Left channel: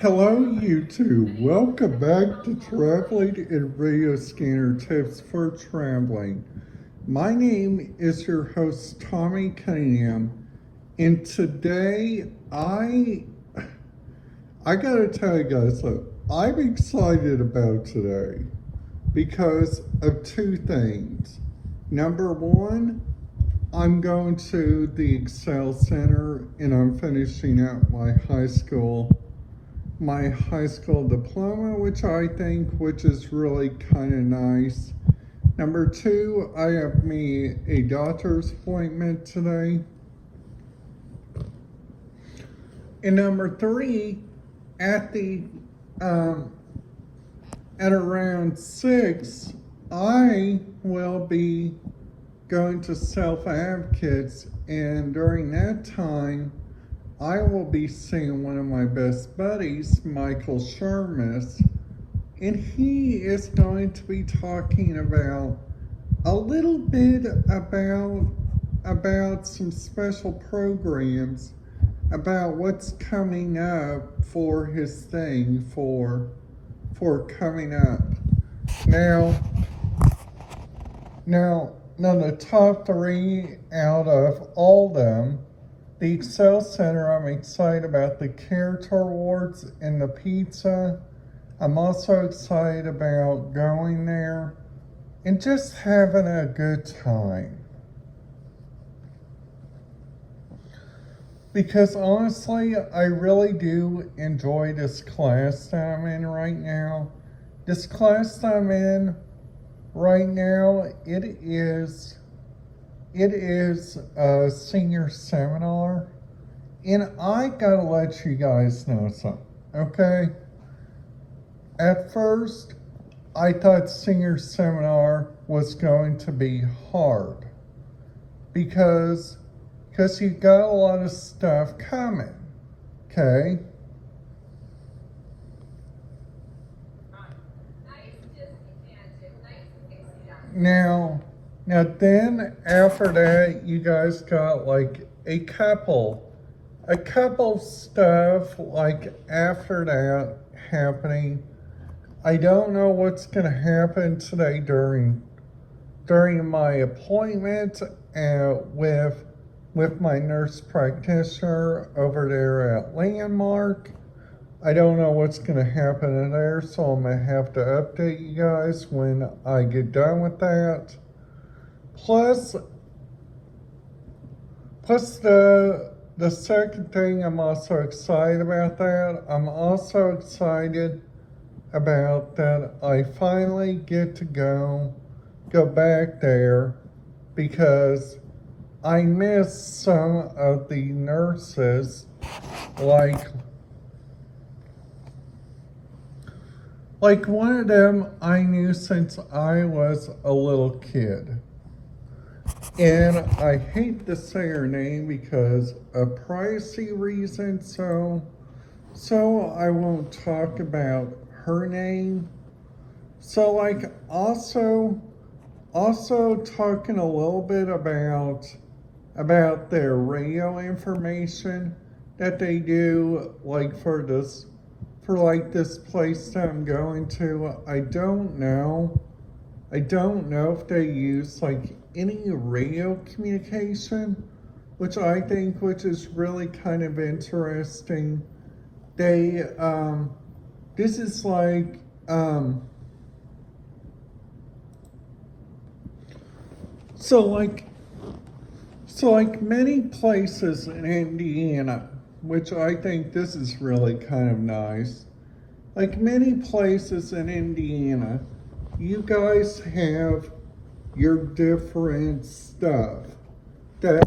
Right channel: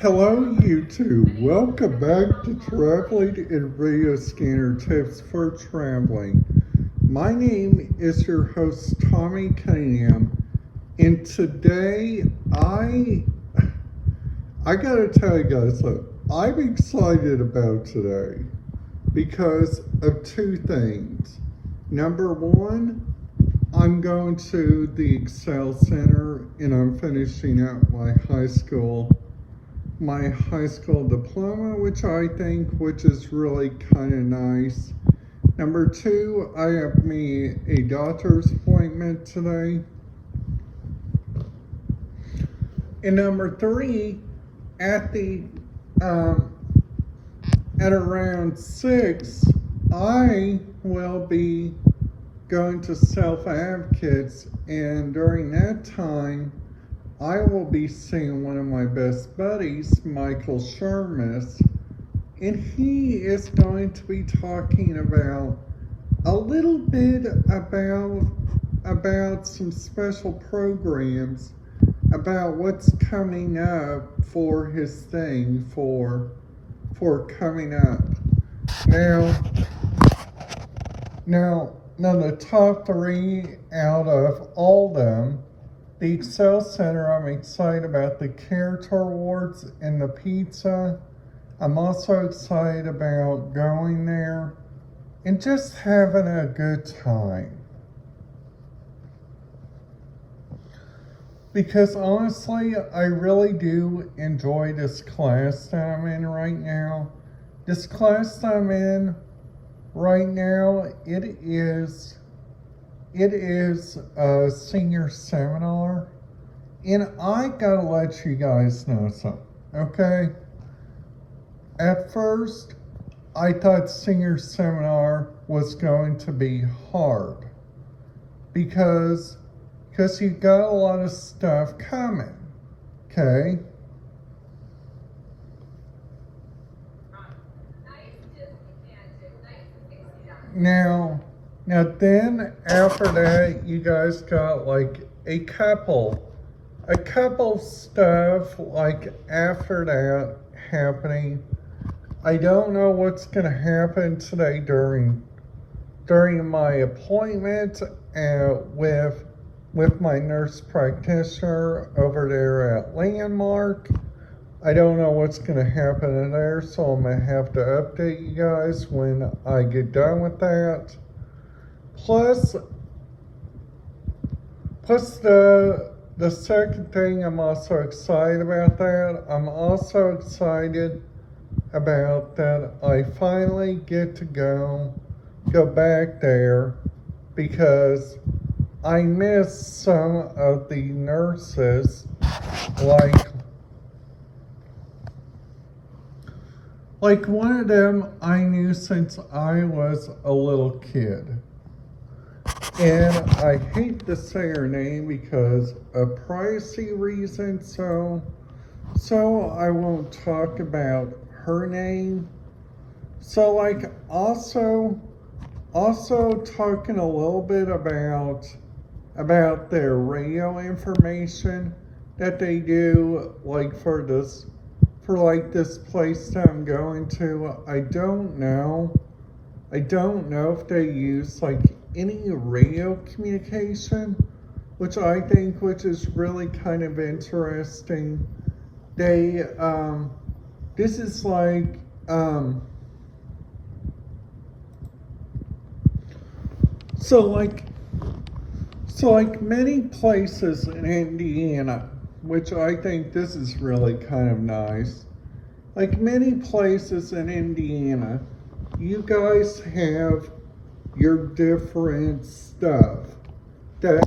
Hello YouTube, welcome back to Traveling and Radio Scanner Tips for Traveling. My name is your host Tommy Cunningham, and today I gotta tell you guys that I'm excited about today because of two things. Number one, I'm going to the Excel Center and I'm finishing up my high school diploma, which is really kind of nice. Number two, I have me a doctor's appointment today. And number three, at around 6, I will be going to self-advocates, and during that time I will be seeing one of my best buddies, Michael Shermis, and he is going to be talking about a little bit about some special programs, about what's coming up for his thing for coming up. Now the top 3 out of all of them, the Excel Center, I'm excited about the character awards and the pizza. I'm also excited about going there and just having a good time. Because honestly, I really do enjoy this class that I'm in right now. This class that I'm in right now, it is a senior seminar, and I gotta let you guys know something, okay? At first, I thought senior seminar was going to be hard because you got a lot of stuff coming, okay? Now then after that, you guys got like a couple stuff like after that happening. I don't know what's gonna happen today during my appointment with my nurse practitioner over there at Landmark. I don't know what's going to happen in there, so I'm going to have to update you guys when I get done with that. Plus the second thing, I'm also excited about that. I'm also excited about that I finally get to go back there because I miss some of the nurses, like one of them I knew since I was a little kid. And I hate to say her name because of privacy reasons, so I won't talk about her name. So like also talking a little bit about their radio information that they do, like for this place that I'm going to. I don't know if they use like any radio communication, which is really kind of interesting. They this is like so like many places in Indiana, which I think this is really kind of nice. Like many places in Indiana, you guys have your different stuff that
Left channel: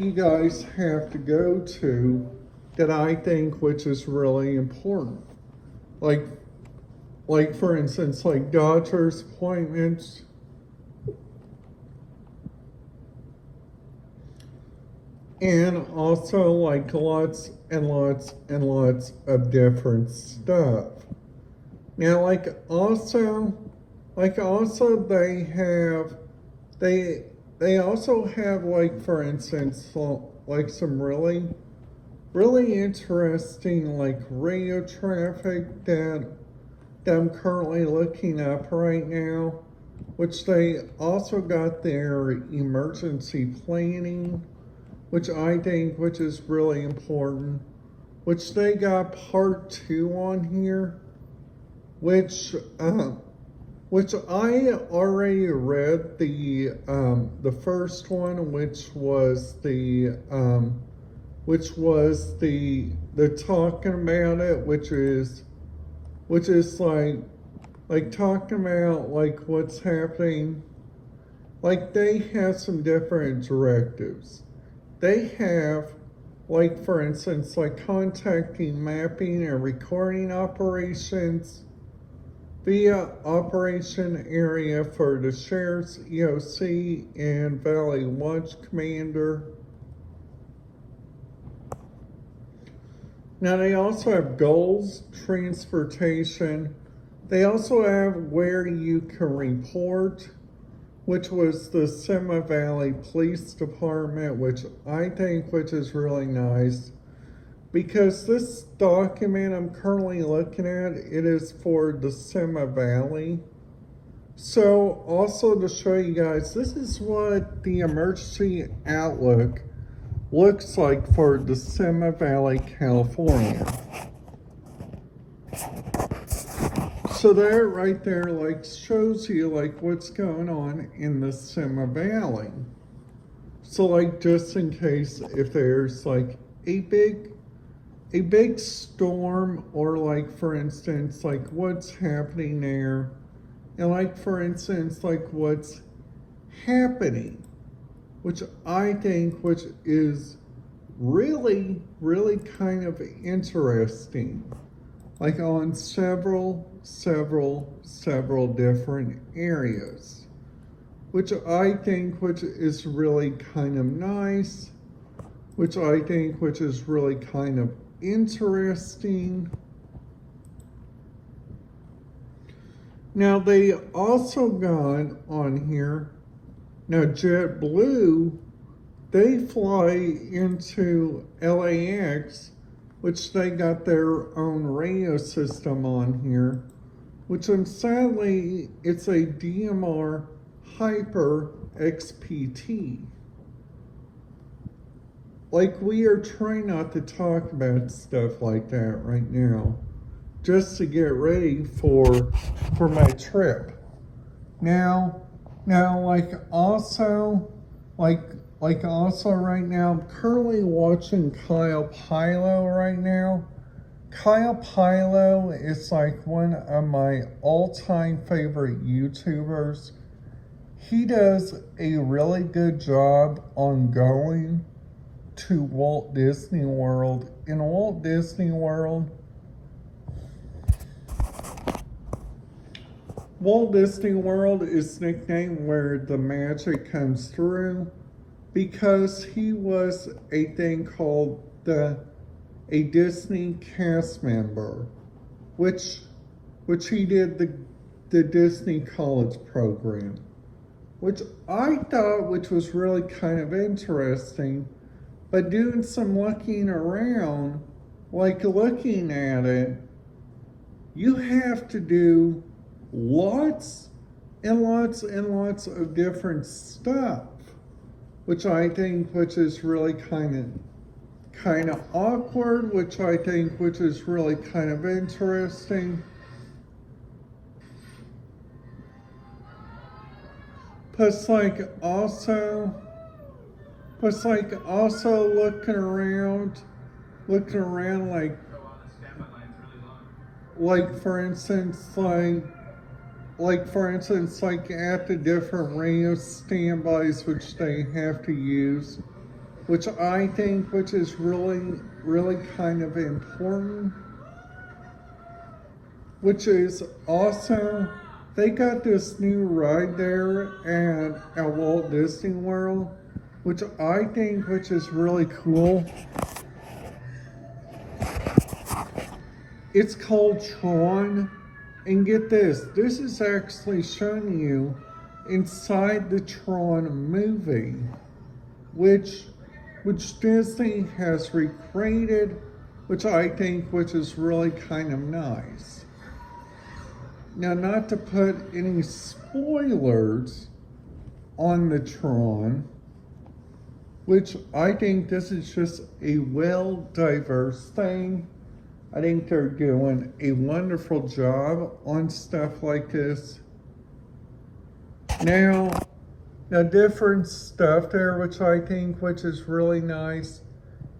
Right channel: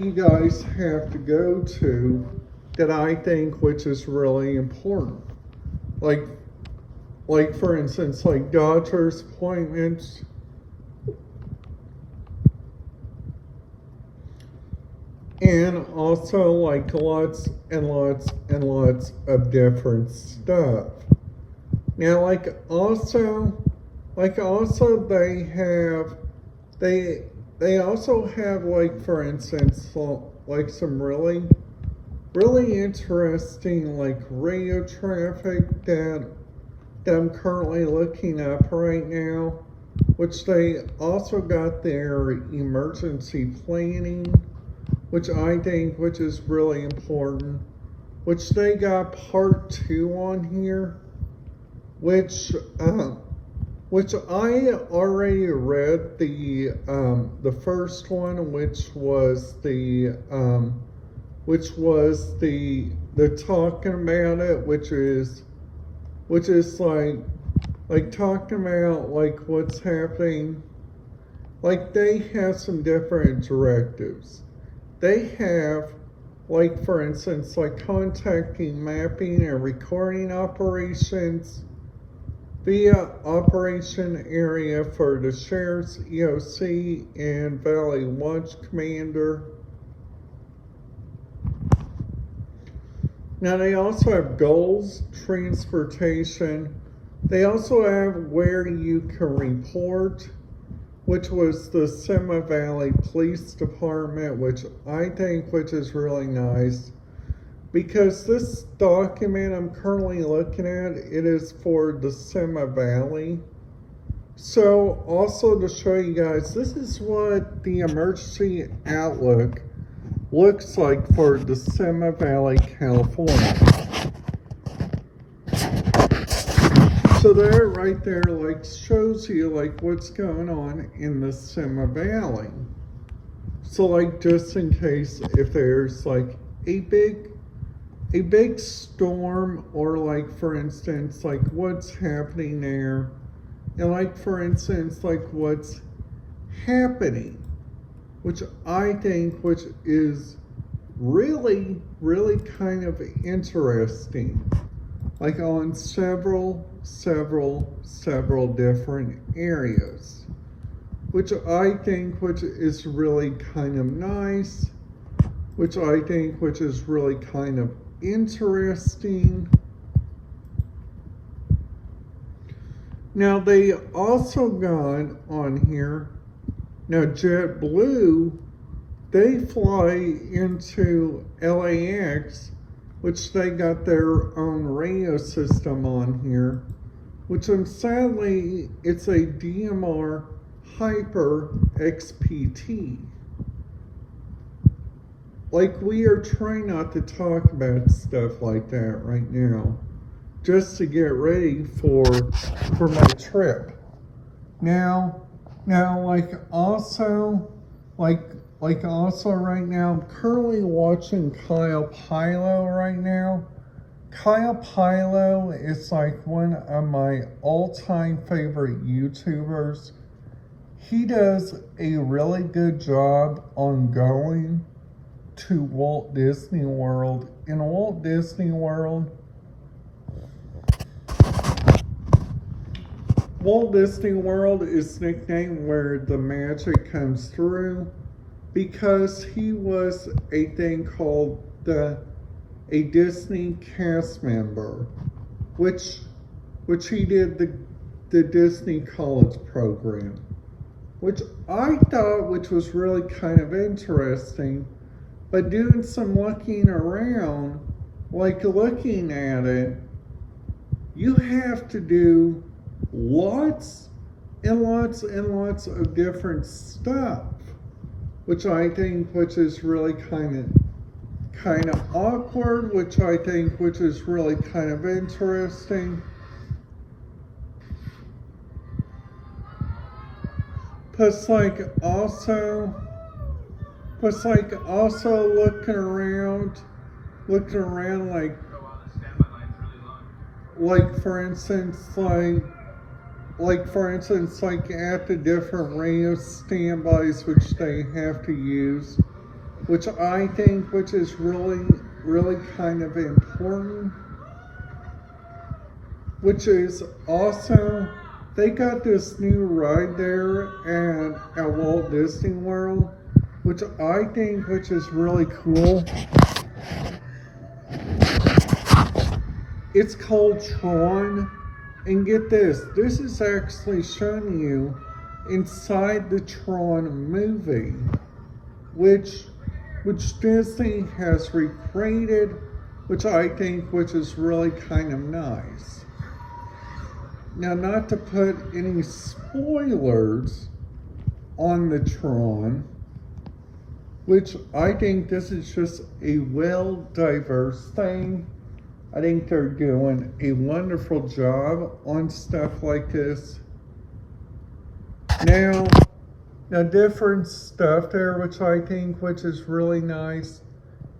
you guys have to go to that I think which is really important. Like for instance, like doctor's appointments, and also like lots and lots of different stuff. Now also they also have like for instance like some really really interesting like radio traffic that I'm currently looking up right now, which they also got their emergency planning, which I think which is really important, which they got part 2 on here, which I already read the first one, which was the talking about it, which is like talking about like what's happening. Like they have some different directives. They have, like for instance, like contacting, mapping, and recording operations via operation area for the sheriff's EOC and Valley Watch Commander. Now they also have goals, transportation. They also have where you can report, which was the Sema Valley Police Department, which I think which is really nice. Because this document I'm currently looking at, it is for the Sema Valley. So also to show you guys, this is what the emergency outlook looks like for the Sema Valley, California. So there, right there, like shows you like what's going on in the Sema Valley. So like just in case if there's like a big storm, or like for instance like what's happening there, and like for instance like what's happening, which I think which is really kind of interesting, like on several different areas, which I think which is really kind of nice, which I think which is really kind of interesting. Now they also got on here, now JetBlue, they fly into LAX, which they got their own radio system on here, which sadly it's a DMR Hyper XPT. Like we are trying not to talk about stuff like that right now, just to get ready for my trip. Now like also right now, I'm currently watching Kyle Pilo right now. Kyle Pilo is like one of my all-time favorite YouTubers. He does a really good job on going to Walt Disney World. In Walt Disney World, Walt Disney World is nicknamed where the magic comes through, because he was a thing called a Disney cast member, which he did the Disney College program, which I thought which was really kind of interesting. But doing some looking around, like looking at it, you have to do lots and lots of different stuff, which I think which is really kind of awkward, which I think which is really kind of interesting. Plus like also looking around like for instance like at the different radio standbys which they have to use, which I think which is really kind of important, which is also they got this new ride there at Walt Disney World, which I think which is really cool. It's called Tron, and get this is actually showing you inside the Tron movie, which which Disney has recreated, which I think which is really kind of nice. Now, not to put any spoilers on the Tron, which I think this is just a well diverse thing. I think they're doing a wonderful job on stuff like this. Now different stuff there, which I think which is really nice.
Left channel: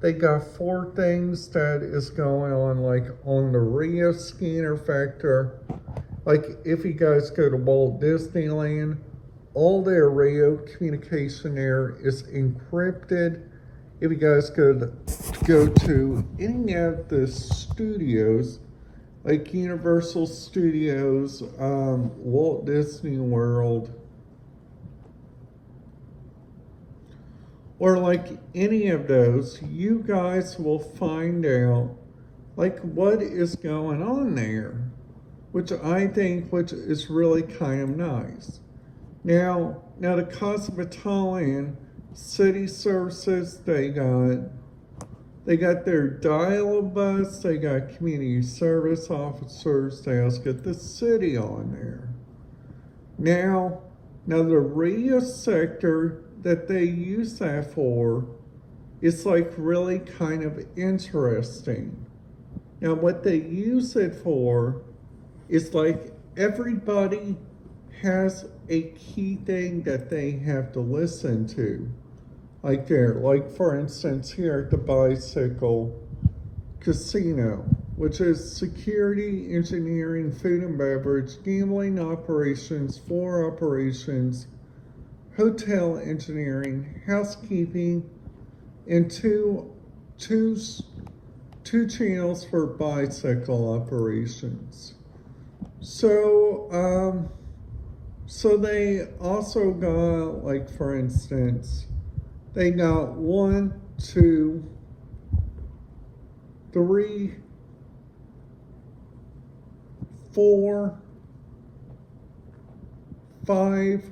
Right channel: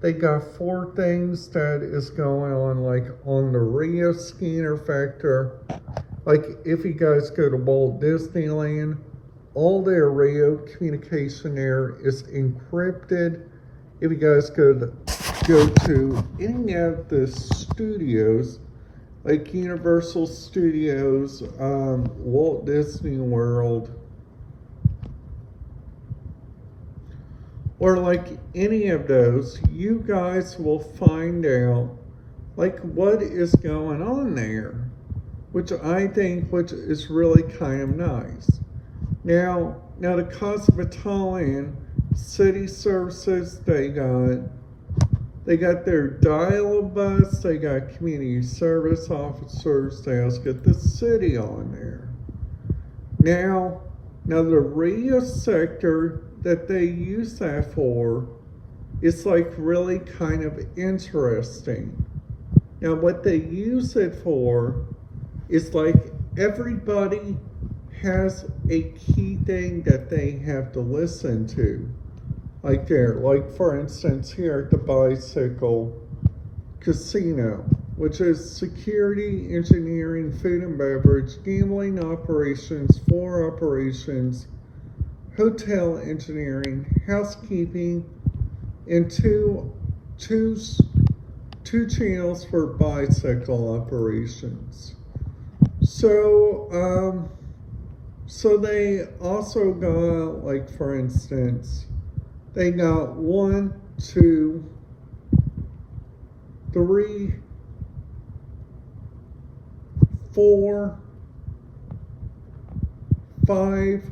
They got 4 things that is going on, like on the Rio scanner factor. Like if you guys go to Walt Disneyland, all their Rio communication there is encrypted. If you guys go to any of the studios, like Universal Studios, Walt Disney World, or like any of those, you guys will find out like what is going on there, which I think which is really kind of nice. Now the Cosmopolitan City Services, they got their dial-a-bus, they got community service officers, they also got the city on there. Now the Rio sector that they use that for is like really kind of interesting. Now what they use it for is like everybody has a key thing that they have to listen to. Like there, like for instance here at the Bicycle Casino, which is security, engineering, food and beverage, gambling operations, floor operations, hotel engineering, housekeeping, and two channels for bicycle operations. So they also got, like for instance, they got 1, 2, 3, 4, 5,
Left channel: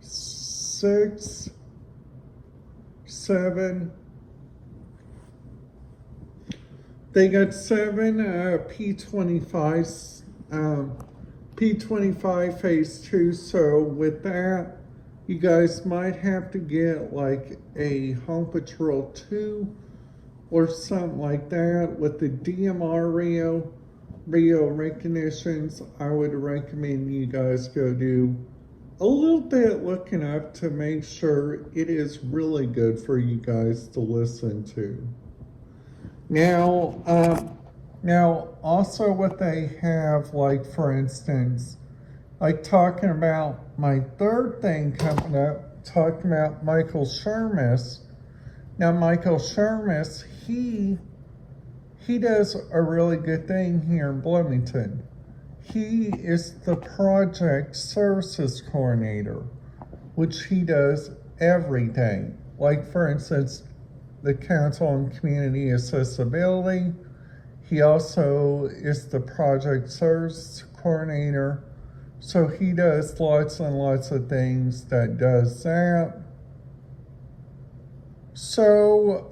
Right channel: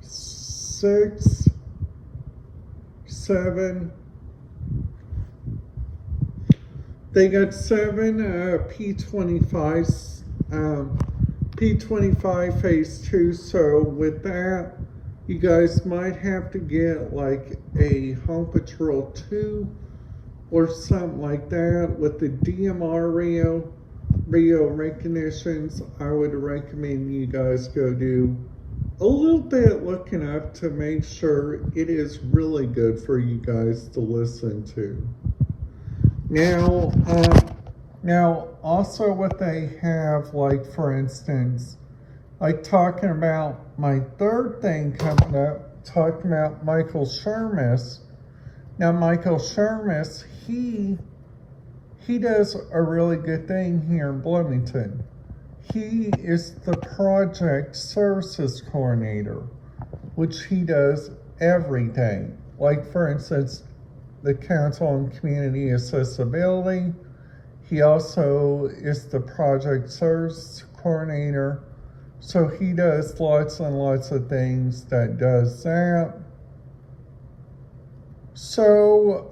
6, 7. They got 7 P25s, P25 phase 2. So with that, you guys might have to get like a Home Patrol 2 or something like that. With the DMR Rio recognitions, I would recommend you guys go do a little bit looking up to make sure it is really good for you guys to listen to. Now also what they have, like for instance, like talking about my third thing coming up, talking about Michael Shermis. Now Michael Shermis, he does a really good thing here in Bloomington. He is the project services coordinator, which he does everything. Like for instance, the Council on Community Accessibility. He also is the project service coordinator. So he does lots and lots of things that does that. So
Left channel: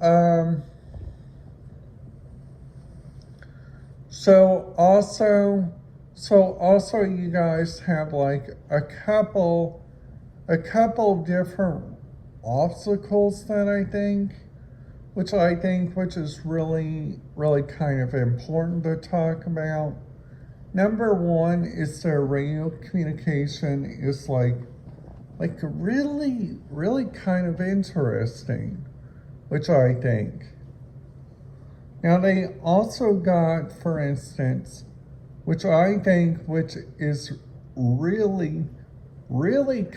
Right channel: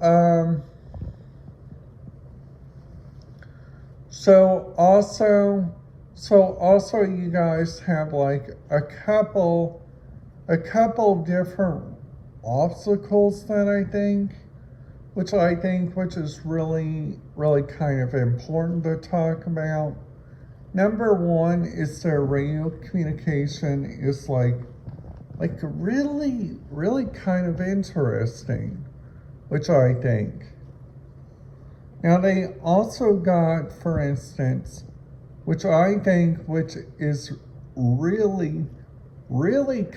also you guys have like a couple different obstacles that I think, which is really kind of important to talk about. Number 1 is their radio communication is like really kind of interesting, which I think. Now they also got, for instance, which I think which is really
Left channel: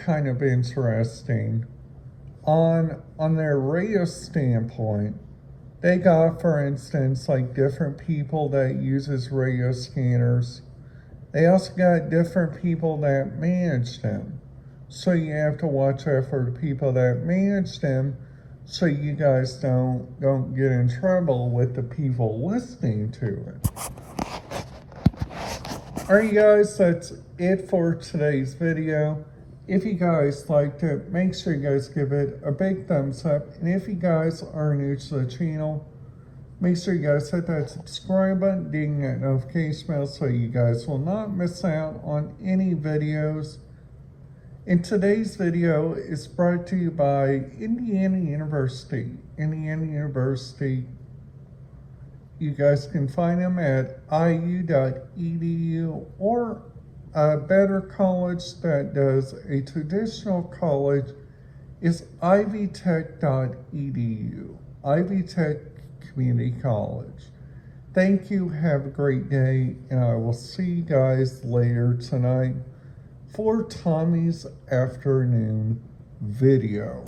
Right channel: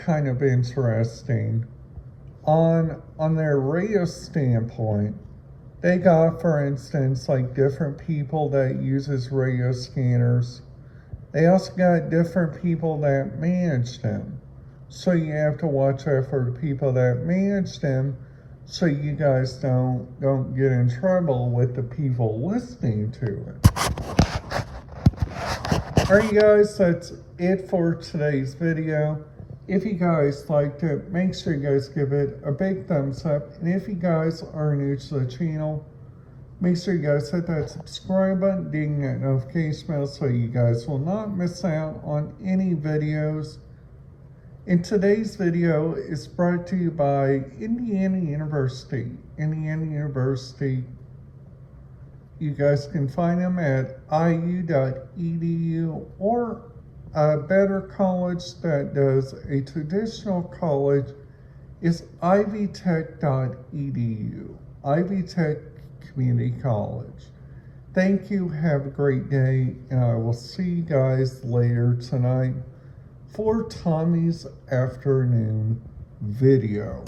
kind of interesting on their radio standpoint. They got, for instance, like different people that uses radio scanners. They also got different people that manage them. So you have to watch out for the people that manage them so you guys don't get in trouble with the people listening to it. Alright guys, that's it for today's video. If you guys liked it, make sure you guys give it a big thumbs up. And if you guys are new to the channel, make sure you guys hit that subscribe button, ding that notification bell so you guys will not miss out on any videos. And today's video is brought to you by Indiana University. Indiana University, you guys can find them at iu.edu, or a better college that does a traditional college is ivytech.edu, Ivy Tech Community College. Thank you, have a great day, and I will see you guys later tonight for Tommy's afternoon video.